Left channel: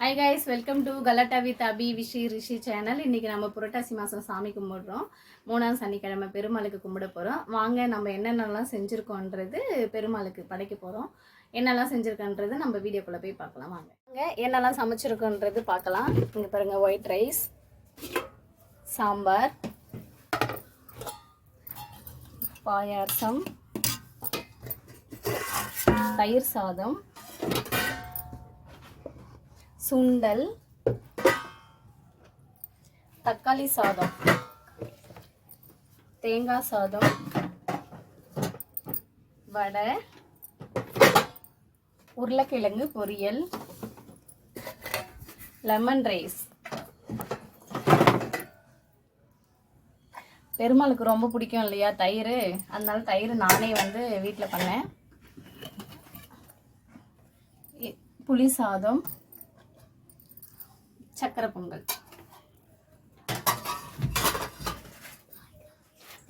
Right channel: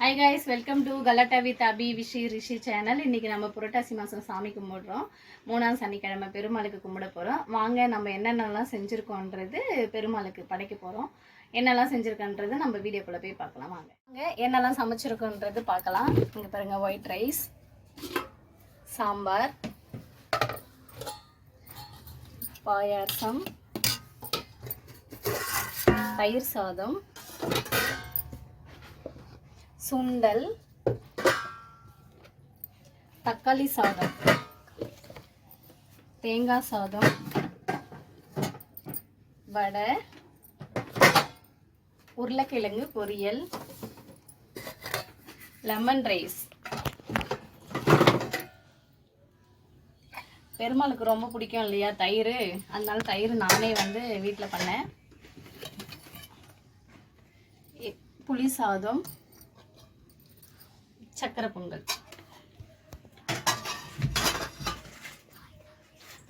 Hi guys, welcome to Galata with Abhi Vishi Rishi channel. இன்னைக்கு நம்ம புரட்டாசி மாசம் சாமி கும்பிடுறோம். மூணாம் சனிக்கிழமை பெருமாளுக்கு கும்பிட போறோம். வாங்க நம்ம என்னென்னலாம் செஞ்சிருக்கோம்ன்றது பெருமாளுக்கு படைக்க போறோம். என்னெல்லாம் செஞ்சிருக்கோம்ன்றது நம்ம வீடியோக்குள்ள போய் பார்க்கலாம் வாங்க. என்னெல்லாம் சமைச்சிருக்கோம்ன்றது பார்க்கலாம். இங்க பாருங்க ஒயிட் ரைஸ், சாம்பார், பாயாசம், தயிர் சாதம், சுண்டல், தக்காளி சாதம், தேங்காய் சாதம், வடை, உருளைக்கிழங்கு பொரியல், லெமன் ரைஸ். பெருமாளுக்கு ரொம்ப பிடிக்கும் இல்லையா தயிர், அதனால தயிர் நானே வீட்டில் பண்ணேன். புளி சாதம், சக்கரை பொங்கல்.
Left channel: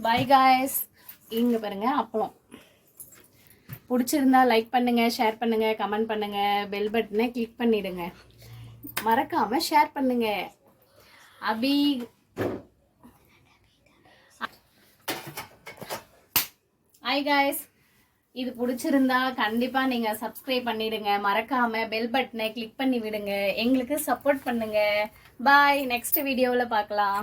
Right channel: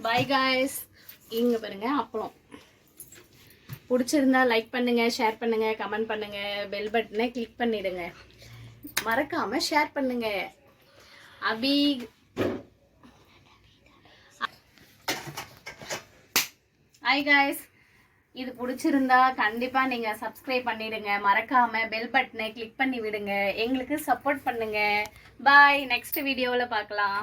By guys. இங்க பாருங்க அப்பளம். பிடிச்சிருந்தா லைக் பண்ணுங்க, ஷேர் பண்ணுங்க, கமெண்ட் பண்ணுங்க, பெல் பட்டனை கிளிக் பண்ணிடுங்க, மறக்காம ஷேர் பண்ணுங்க. அபி ஹாய் காய்ஸ். இது பிடிச்சிருந்தா கண்டிப்பா நீங்க சப்ஸ்கிரைப் பண்ணிடுங்க, மறக்காம பெல் பட்டனை கிளிக் பண்ணி விடுங்க, எங்களுக்கு சப்போர்ட் பண்ணுங்க. பாய், நெக்ஸ்ட் வீடியோல பார்க்கலாம்.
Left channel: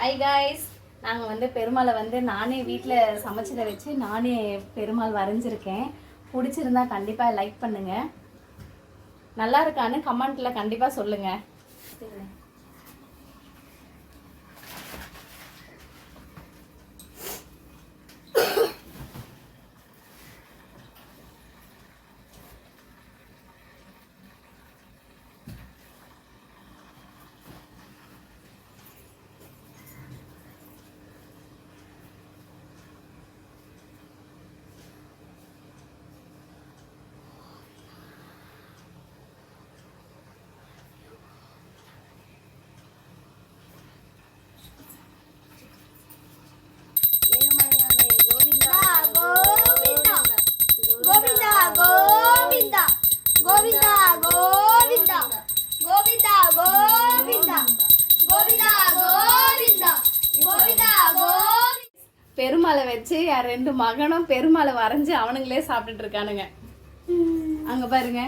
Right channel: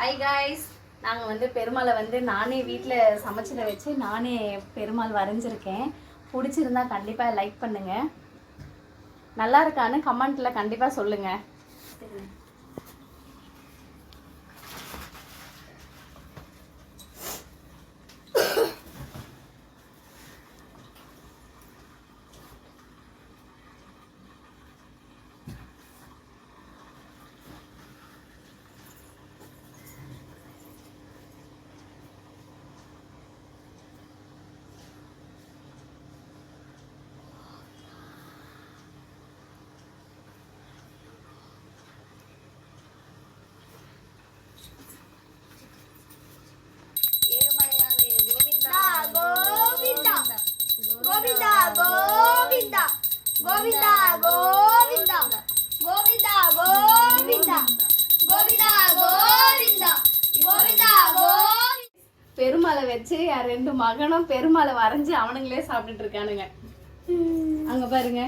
Hi guys. நாங்க பெருமாளை நானே வீட்டில் சமைச்சதை வச்சு நானே பெருமாள் வரைஞ்சிருக்கேன். பிடிச்சிருந்தா கண்டிப்பா லைக் பண்ணுங்க, நல்லா இருக்கான்னு கமெண்ட்ல கண்டிப்பா சொல்லுங்க. பெருமாளை வச்சு என் 2 மகனும் பெருமாளை வரைஞ்சு அவனுங்களே சாப்பிட்டுட்டு இருக்கானுங்க. அங்க பாருங்க.